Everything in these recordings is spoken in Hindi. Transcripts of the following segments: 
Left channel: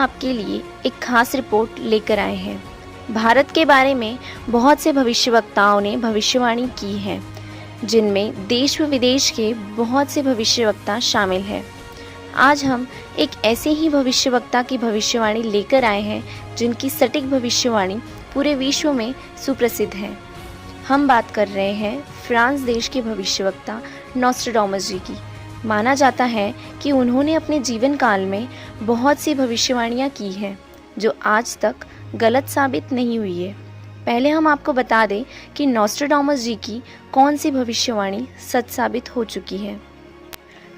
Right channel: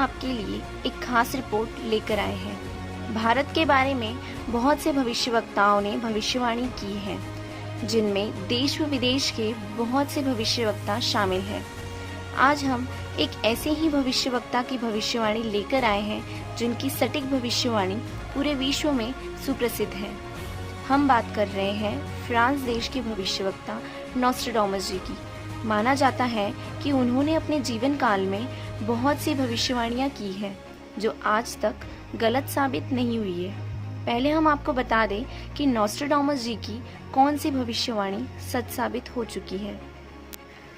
आपके लिए एक खास रिपोर्ट लेकर आए हैं। भारत के बारे में बहुत से भविष्यवक्ताओं ने भविष्यवाणी की है, जिनमें देश व विदेश के बहुत से भविष्यवक्ता शामिल हैं। आज हम एक ऐसे ही भविष्यवक्ता की भविष्यवाणी लेकर आए हैं, जिनकी सटीक भविष्यवाणी पूरे विश्व में सुप्रसिद्ध है। हम बात कर रहे हैं फ्रांस देश के भविष्यवक्ता नॉस्ट्राडामस जी की। माना जाता है कि उन्होंने अपने जीवन काल में बहुत सी भविष्यवाणियां की हैं, जो आज तक गलत साबित नहीं हुई है। पहले हम आपको बता दें कि नॉस्ट्राडामस जी की कौन सी भविष्यवाणी सच साबित हो चुकी है।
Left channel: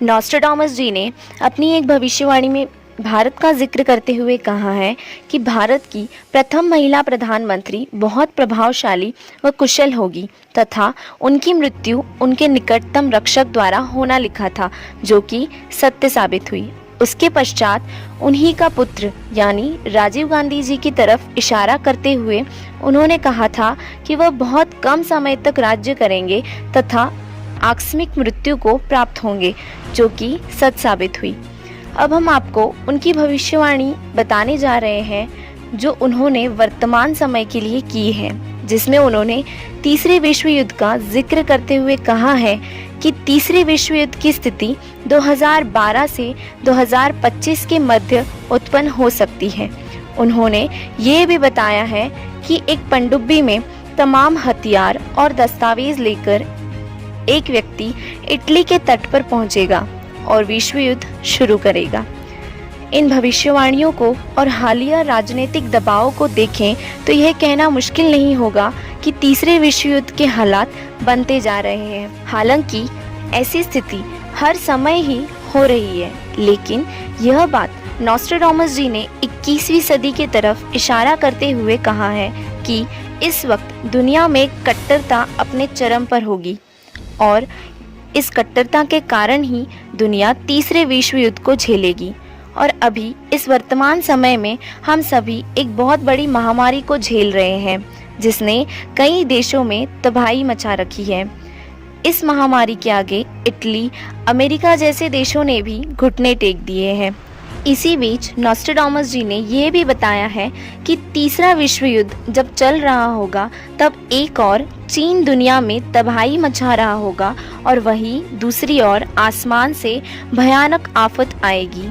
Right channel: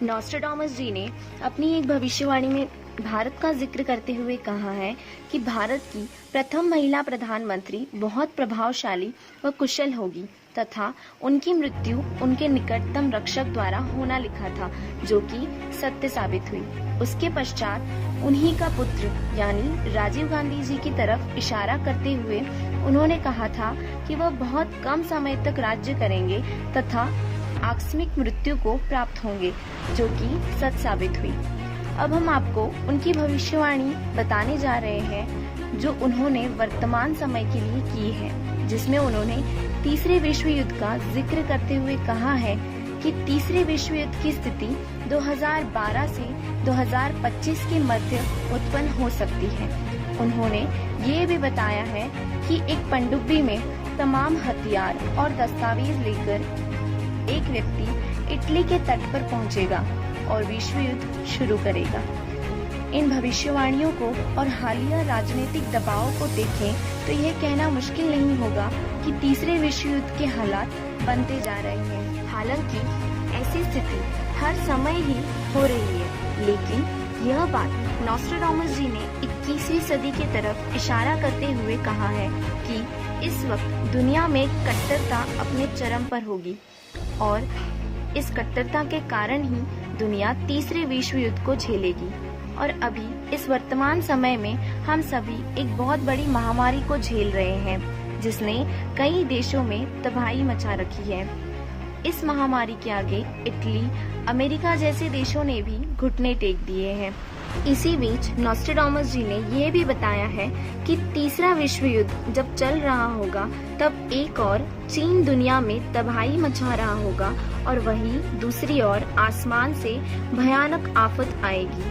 नॉस्ट्राडामस जी ने अपनी एक भविष्यवाणी में भारत का जिक्र करते हुए कहा है कि भारत की प्रथम महिला प्रधानमंत्री बहुत प्रभावशाली व कुशल होगी तथा उनकी मृत्यु उनके निकटतम रक्षक द्वारा होना लिखा था, जो कि सत्य साबित हुई। उसके पश्चात उन्हीं का पुत्र यानी राजीव गांधी जी की तरफ इशारा करते हुए उन्होंने कहा था कि वह बहुत कम समय तक राज्य करेंगे तथा आकस्मिक मृत्यु को प्राप्त होंगे, जो कि सच साबित हुई। अब हम आपको उनकी भविष्यवाणी बताने जा रहे हैं, जो उन्होंने वर्तमान समय के लिए की है, जिसमें उन्होंने तीसरे विश्व युद्ध का जिक्र करते हुए कहा है कि तीसरे विश्व युद्ध की स्थिति 2012 से 2025 के मध्य उत्पन्न हो सकती है। उन्होंने ये भी बताया है कि एक पनडुब्बी में तमाम हथियार और दस्तावेज लेकर एक व्यक्ति इटली के तट पर पहुंचेगा और विश्व युद्ध शुरू करेगा। इन भविष्यवाणियों को और हालिया राजनीतिक दबाव को देखें तो यह कहना मुश्किल नहीं होगा कि तीसरे विश्व युद्ध के हालात बनते जा रहे हैं। हालांकि ऐसी स्थिति हर समय ही हो रही है, लेकिन यह बात नॉस्ट्राडामस जी ने 21वीं सदी की तरफ इशारा करते हुए कहा है कि इस वक्त दुनिया में कट्टरता अपने चरम पर होगी और इस कट्टरता के कारण ही दुनिया तीसरे विश्व युद्ध को झेलेगी। और अभी इस वर्तमान समय में हम सभी एक बहुत बड़ी महामारी को झेल रहे हैं, जिसने कई देशों में तबाही मचा रखी है। इस महामारी के आगे इटली, अमेरिका जैसे देशों ने भी घुटने टेक दिए हैं। इसी बीच नॉस्ट्राडामस जी ने यह भी बताया है कि तीसरा विश्व युद्ध जब चल रहा होगा तब एक और चीन दुनिया में तबाही मचा रहा होगा और वहीं दूसरी ओर आसमान से भयानक आफत आएगी।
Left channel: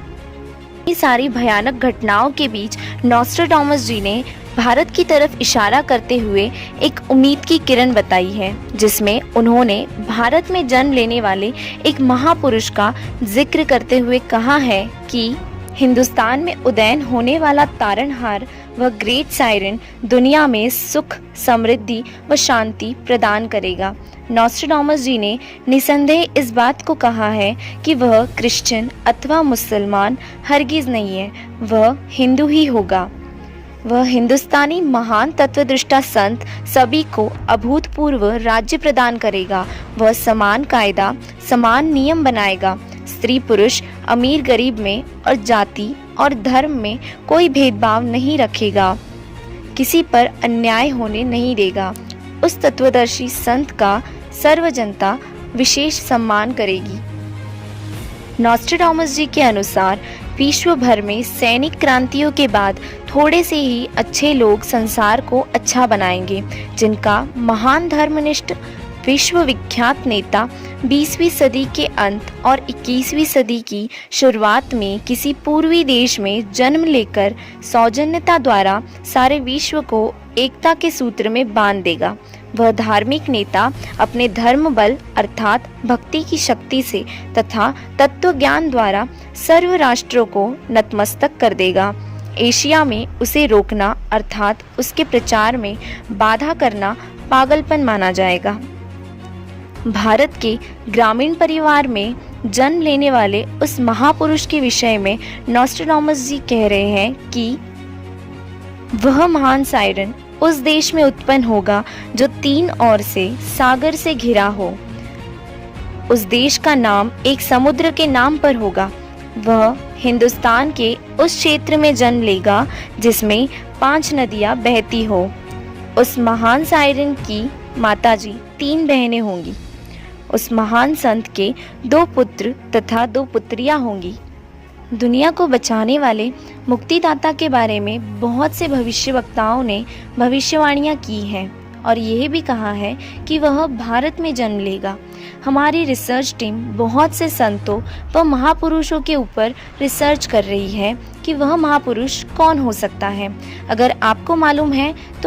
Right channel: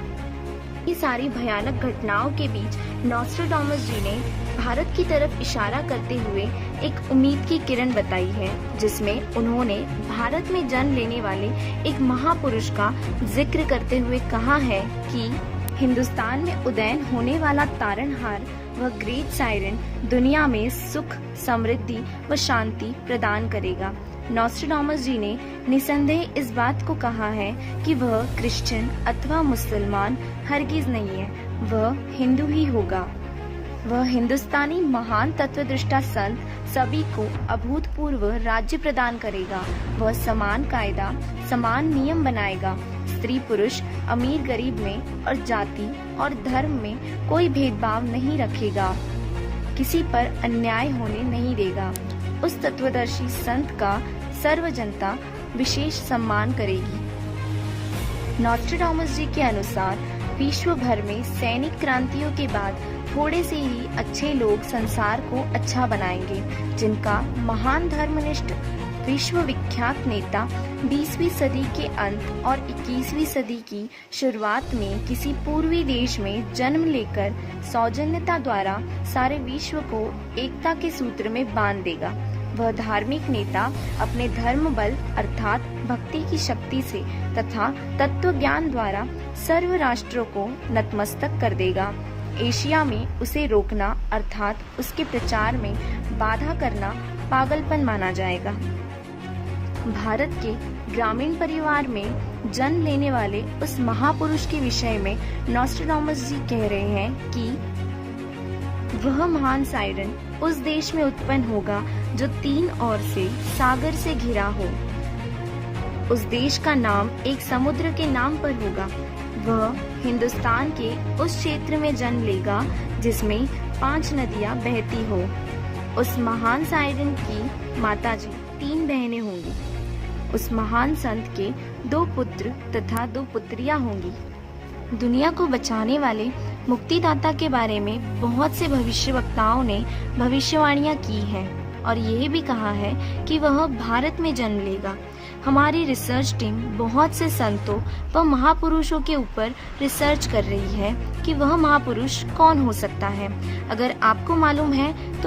ये सारी भयानक घटनाओं के बीच नॉस्ट्राडामस जी ने भारत की तरफ इशारा करते हुए एक उम्मीद की किरण बताई है, जिसमें उन्होंने भारत में जन्म लेने वाले एक महापुरुष का जिक्र करते हुए कहा है कि हिंदुस्तान में उदयन होने वाला तारनहार व ग्रेट सायरन दुनिया में सुख, समृद्धि व शांति प्रदान करेगा। नॉस्ट्राडामस जी ने निसंदेह इस बात को कहा है कि वह क्रिश्चियन अथवा मुसलमान हरगिज नहीं है, वह हिंदू ही होगा। वह हिंदुस्तानी महान तत्वदृष्टा संत सभी को अभूतपूर्व राज्य प्रदान करेगा। वह समान कायदा, समान नियम बनाएगा। स्त्री पुरुष, अमीर गरीब में और जाति और धर्म में कोई भेदभाव नहीं रखेगा, किसी पर अन्याय होने नहीं देगा। उस तत्वदर्शी संत का सर्व जनता विशेष सम्मान करेगी। नॉस्ट्राडामस जी के अनुसार विश्व भर में सैनिक क्रांतियों के बाद थोड़े से ही अच्छे लोग संसार को अच्छा बनाएंगे, जिनका महान धर्मनिष्ठ विश्व विख्यात नेता 20वीं सदी के अंत और 21वीं सदी की शुरुआत में किसी पूर्वी देश में जन्म लेकर सौजन्यता द्वारा सारे विश्व को एकता के सूत्र में बांध देगा। वह धार्मिक नेता अपने धर्म बल अर्थात भक्ति की शक्ति से तथा तत्व ज्ञान द्वारा सर्व राष्ट्रों को नतमस्तक कर देगा। एशिया में उसे रोकना अर्थात उसके प्रचार में बाधा करना पागलपन माना जाएगा। भारत के ग्रामीण परिवार में जन्म लेने वाले उस महापुरुष के विषय में नॉस्ट्राडामस जी कह रहे हैं कि वह महान सायरन उस देश में उत्पन्न होगा जो तीन ओर से सागर से घिरा हो। उस देश का नाम एक समुद्र के नाम पर होगा। वह हिंदुस्तान के उस क्षेत्र में जन्म लेगा जिसमें 5 नदियां बहती हो। उस महान सायरन की माताजी 3 बहनें होंगी। उस महान संत के 2 पुत्र तथा 2 पुत्रियां होंगी। दुनिया को बचाने वाले मुक्तिदाता के बारे में बहुत से भविष्यवक्ताओं ने भविष्यवाणियां की हैं और यह भी कहा है कि वह भारत में जन्म लेगा। हमारी रिसर्च टीम बहुत से संतों व महापुरुषों के ऊपर रिसर्च कर रही है कि वह महापुरुष कौन हो सकता है। अगर आपको मालूम है तो